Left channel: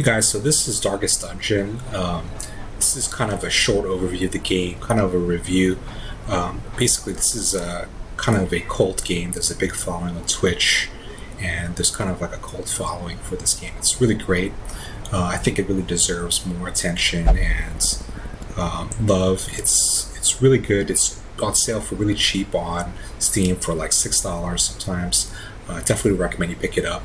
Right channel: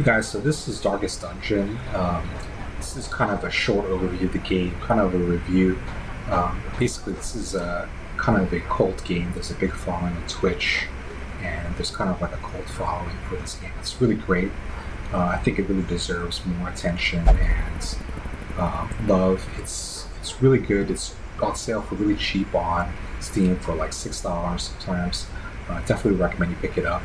Hey guys, so this is Darkest Dungeon. This is kind of a short overview of the game, kind of a review. Basically, this is a kind of a cult game. There's a big following on Twitch, and there's kind of like a cult following for this game. It's really great. I think it really deserves more attention and love. It's really good. It's on sale for really cheap on Steam for like $6 sometimes. Definitely recommend you pick it up.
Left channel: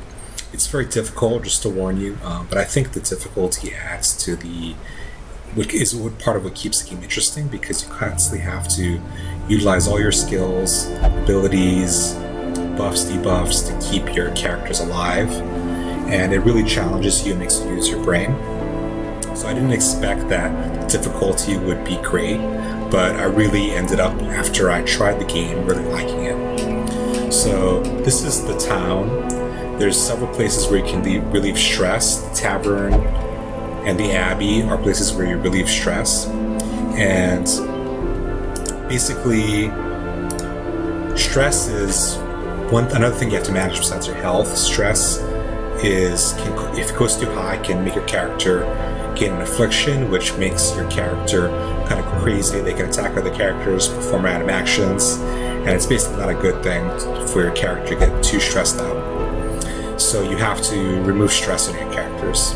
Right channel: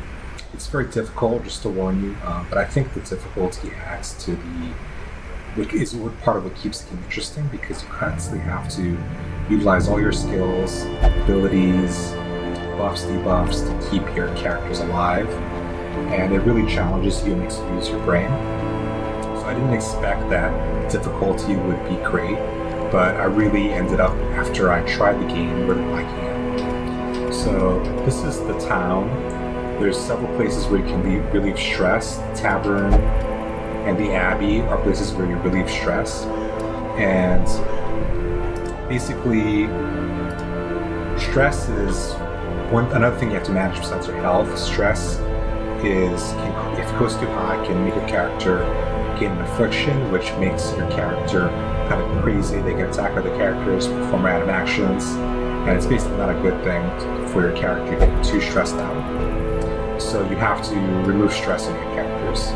It's very difficult, just to warn you, but I think the difficulty adds to what part of what keeps the game interesting, because you constantly have to utilize all your skills, abilities, buffs, debuffs to keep your characters alive, and it really challenges you and makes you use your brain. So I didn't expect that difficulty would be great, but I really ended up, after I tried the game, really liking it. So this is the town. There's several places where you can relieve stress. The tavern and the abbey are places where you relieve stress. And basically, stress is another thing you have to manage besides your health. Stress if it goes too high, can make your character gain an affliction, which makes your character kind of crazy. They can attack other characters, perform random actions, and it's basically not a good thing for your character to get too stressed out. So you have to remove stress in your characters.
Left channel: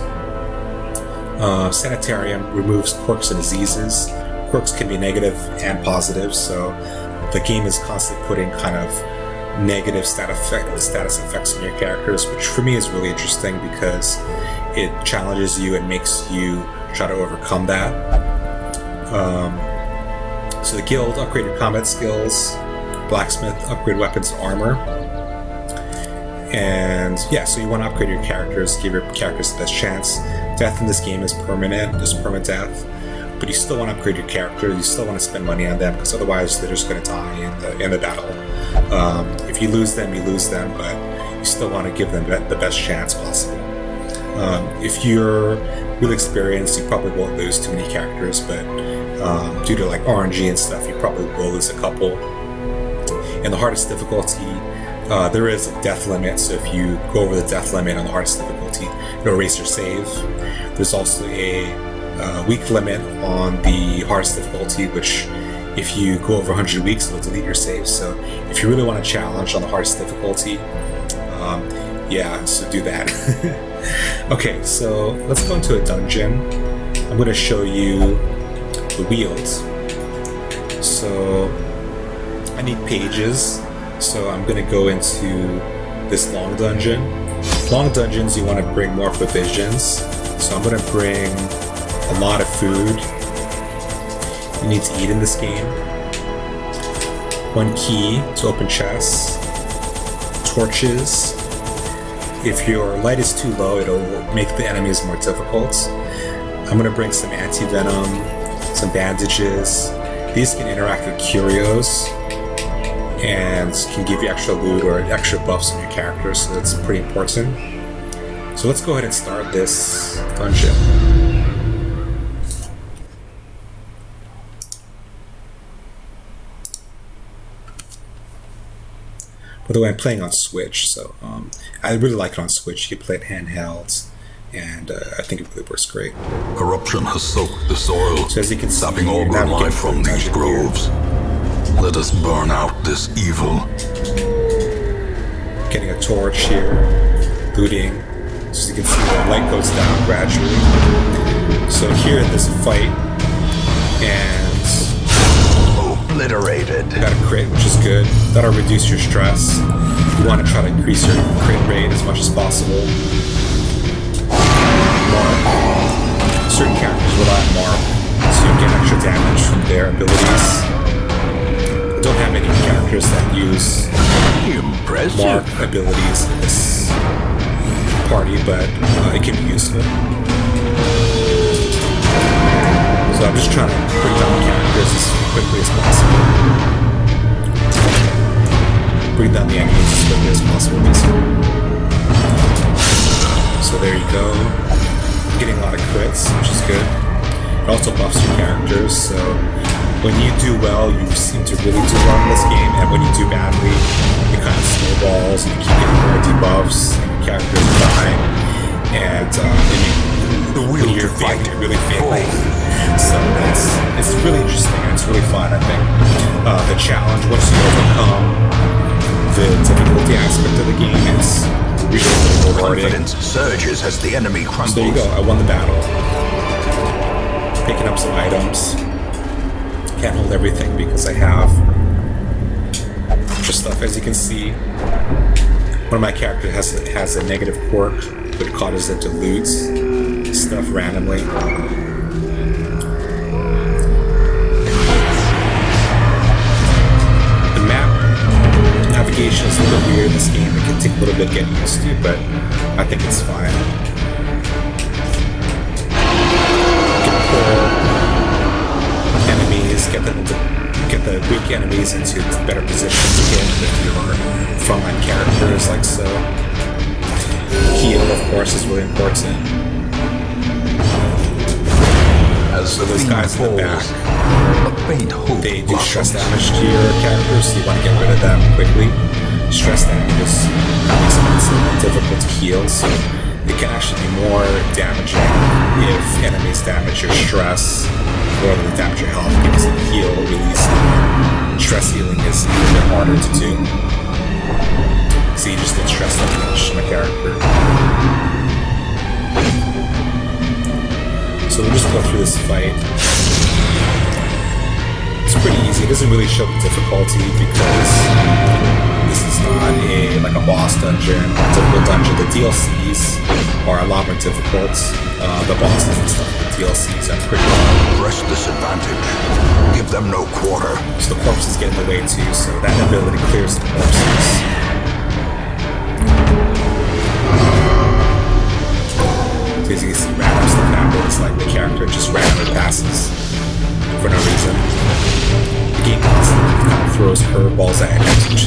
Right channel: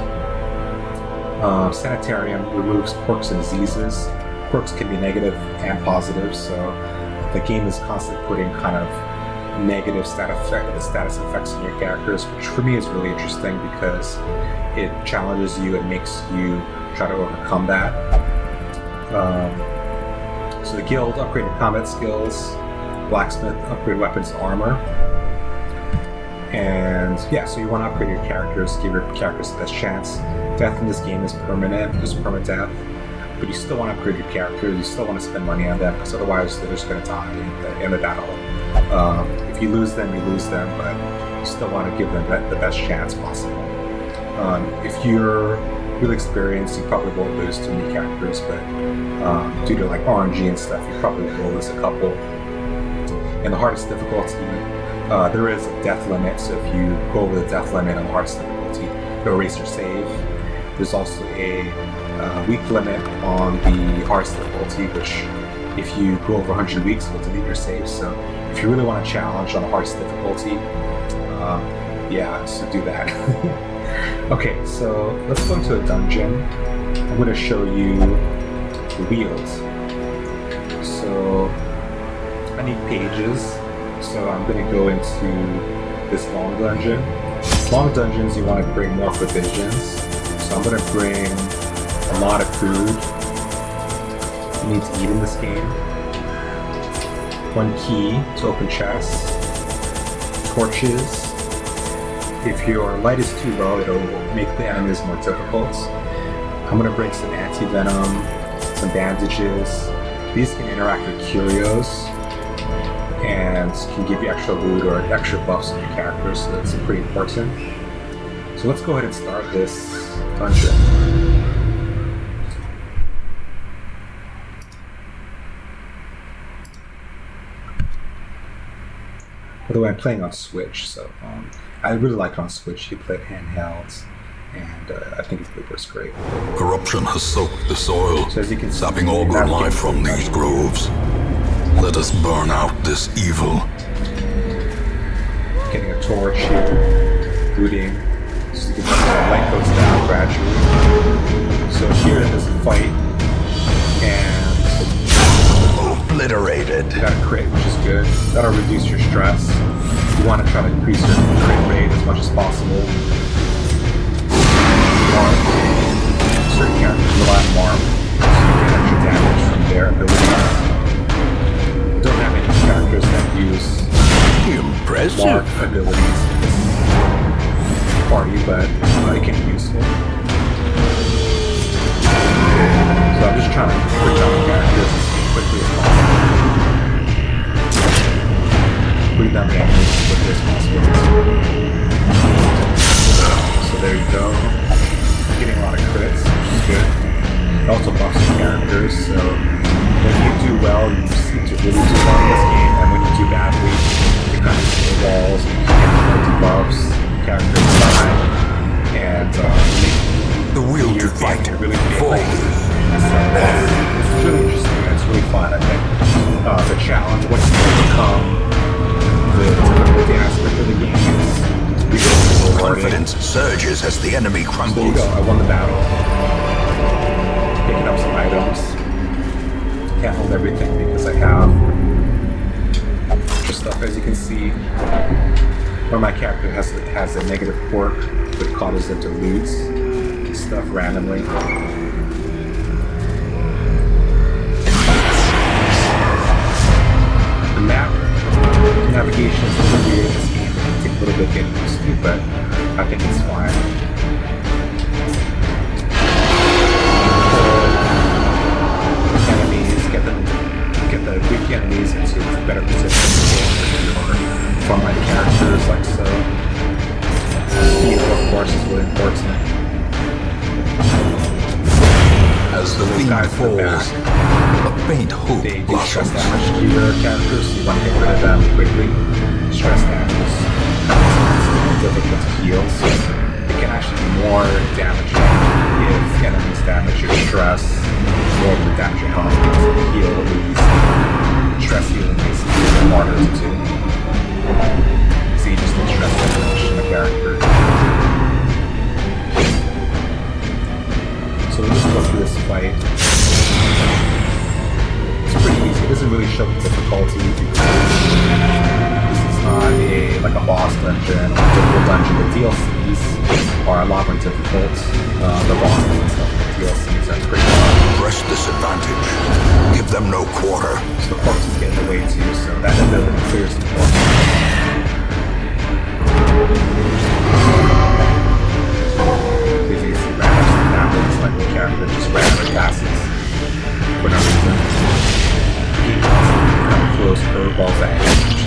Sanitarium removes quirks and diseases. Quirks can be negative and positive, so the game is constantly putting kind of negative status effects on your characters, which for me is really interesting because it challenges you and makes you try to overcome that. So the guild upgraded combat skills, blacksmith upgrade weapons and armor. And yeah, so you want to upgrade your characters, give your characters the best chance. Death in this game is permanent, there's permanent death, but you still want to upgrade your characters, you still want to spend money on them, because otherwise they're just going to die in the battle. If you lose them, you lose them, but you still want to give them the best chance possible. If you're really experienced, you probably won't lose too many characters, but due to like RNG and stuff, you probably will lose a couple. In the hardest difficulty, there is a death limit, so if you go over the death limit on the hardest difficulty, it'll erase your save. There's also a week limit on the hardest difficulty, which if you go over 100 weeks, it'll delete your save. So if you really want a challenge on the hardest difficulty, so do that. Okay, so let's go into a dungeon. I'm going to show you the wheels. So I need pages. So I'm going to go into this long dungeon. Long dungeons, you want to bring more provisions. So I'm going to bring a lot of food. You need to eat in this game. One key to open chests. Torches. If your light is too low, it'll make the enemies more difficult. I'm going to bring some anti-venom, some bandages. These can interact with curios and can give you extra loot or extra buffs on your character, so that's pretty important. So let's go ahead and start this dungeon. By the way, I'm playing on Switch, so I really like it on Switch. You can play it handheld, and I think it really works great. Corruption has soaked the soil, so as you can see, sapping all good life from these groves. Let us burn out this evil. Getting a torch here, looting. So as you can see, the light goes down gradually. So here there's a fight, and obliterated. You got a crit, which is good. That'll reduce your stress. You want to try to increase your crit rate as much as possible. Mark. Certain characters rely on Mark, so you get extra damage from their abilities. I don't have any characters that use Mark abilities in this party, but it can be useful. So I'm just trying to put down characters as quickly as possible. Putting down the enemies as quickly as possible, basically. So there you go. Getting a lot of crits, which is good. It also buffs your characters, so when you do well, you seem to really do well in this game, and when you do badly, it kind of snowballs, and you keep getting more debuffs, and your characters die, and The will you're to fight. getting really For failing. So it's really interesting. It's really fun, I think. The challenge, once you overcome the difficulty aspect of the game, it's really rewarding. confidence surges as the enemy So there you crumbles. go. I won the battle. Picking up some items. Can't hold everything because I have just stuff. As you can see, one of my characters has a negative quirk that causes it to loot stuff randomly. The map navigation is a little bit weird in this game. It can take a little bit getting used to, but I think it's fine. Enemies, get the weak enemies into better positions to hit with your frontline characters, like so. Heal, of course, is really important. As the Those fiend guys in the falls, back, a faint hope they do stress blossoms. damage to your characters, so you want to get rid of them quickly. Stress damage is kind of expensive and difficult to heal, so it can actually be more damaging if enemies damage your stress more than damage your health, because the heal release stress healing is a little bit harder to do. So you just get stress damage in a character. So we'll just go through this fight. It's pretty easy. It doesn't really show the difficulty because this is not like a boss dungeon, a typical dungeon. The DLCs are a lot more difficult. The bosses and stuff, the DLCs are pretty hard. Press this advantage. Give them no quarter. So the corpses get in the way too, so that ability clears the corpses. So as you can see, random stuff happens, like the character just randomly passes for no reason. The game kind of throws curveballs at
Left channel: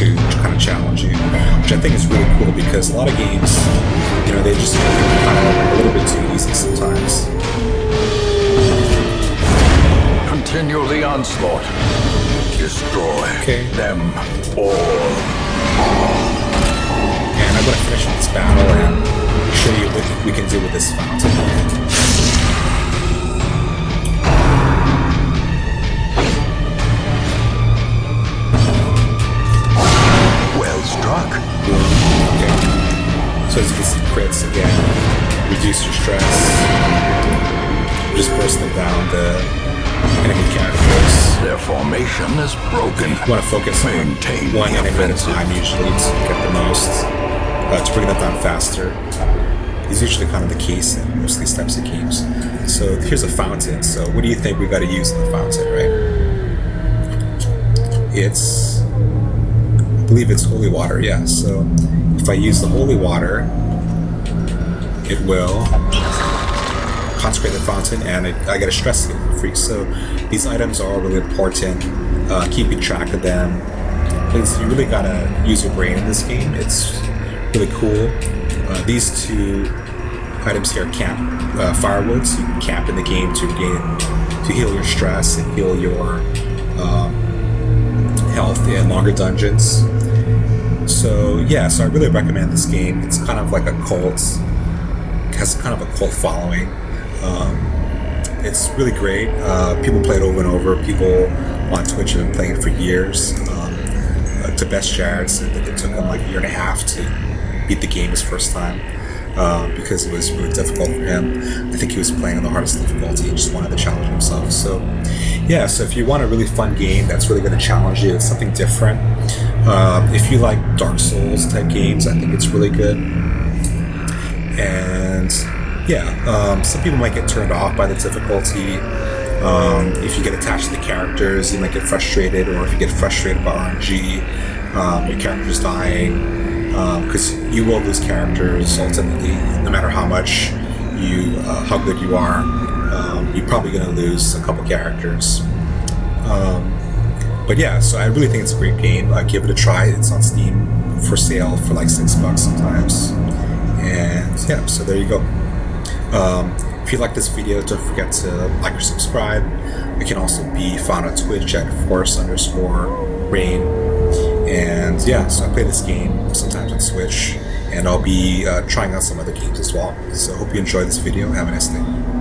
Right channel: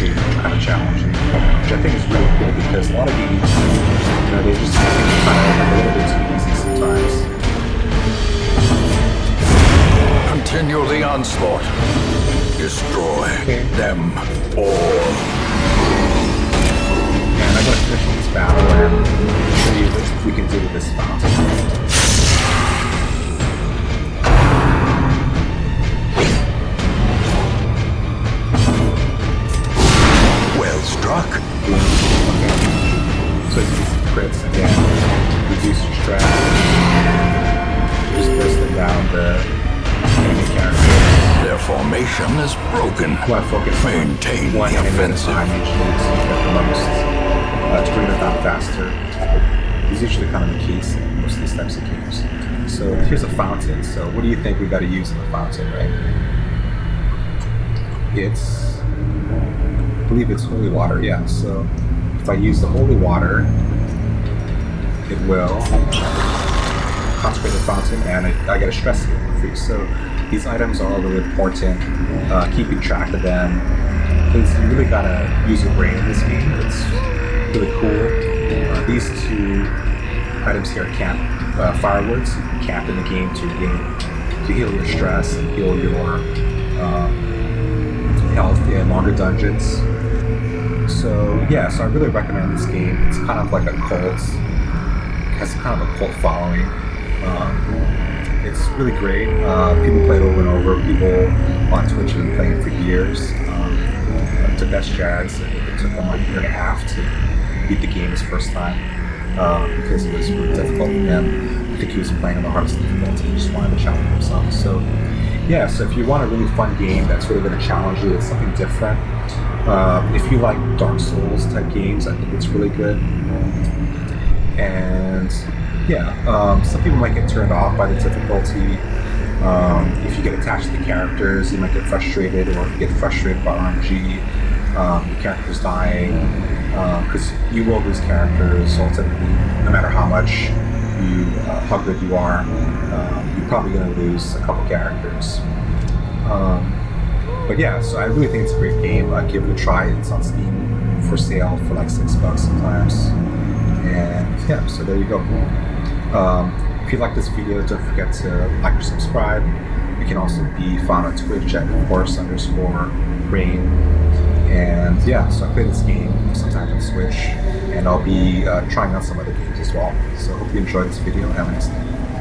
you to kind of challenge you, which I think is really cool because a lot of games, they just make it kind of like a little bit too easy sometimes. Continue the onslaught. Destroy them all. And I'm going to finish this battle and show you what we can do with this fountain. Well struck. Boom. Okay. So as you can see, crits again, reduce your stress. Just bursting down the enemy characters. Their formation is broken. You want to focus Maintain on one the enemy at a offensive. time usually to get the most, to bring them down faster. It's usually kind of the case in most of these types of games. So here's a fountain. So what do you think we got to use in the fountain, right? I believe it's holy water, yeah. So if I use the holy water, it will consecrate the fountain and I get a stress heal for free. So these items are all really important. Keeping track of them, because you really gotta use your brain in this game. It's really cool. These two items here camp firewoods. You can camp in the game to heal your stress and heal your health in longer dungeons. So yeah, so I really recommend this game. It's kind of like a cult. It has kind of a cult following. It's really great. People play it over and over. People on Twitch have been playing it for years. To Best Jags, it took him like a year and a half to beat the game his first time because it was really difficult for him. I think he was playing on the hardest difficulty and just wanted to challenge himself. So yeah, so if you want a really fun game that's really going to challenge you, it's something different. If you like Dark Souls type games, I think it's really good. And yeah, some people might get turned off by the difficulty. If you get attached to the characters, you might get frustrated, or if you get frustrated by RNG, your character's dying, because you will lose characters ultimately, no matter how much how good you are. You're probably going to lose a couple characters. But yeah, so I really think it's a great game. Give it a try. It's on Steam for sale for like $6 sometimes. And yeah, so there you go. If you like this video, don't forget to like or subscribe. We can also be found on Twitch at force_rain. And yeah, so I play this game sometimes on Switch. and I'll be trying out some other games as well. So I hope you enjoyed this video. Have a nice day.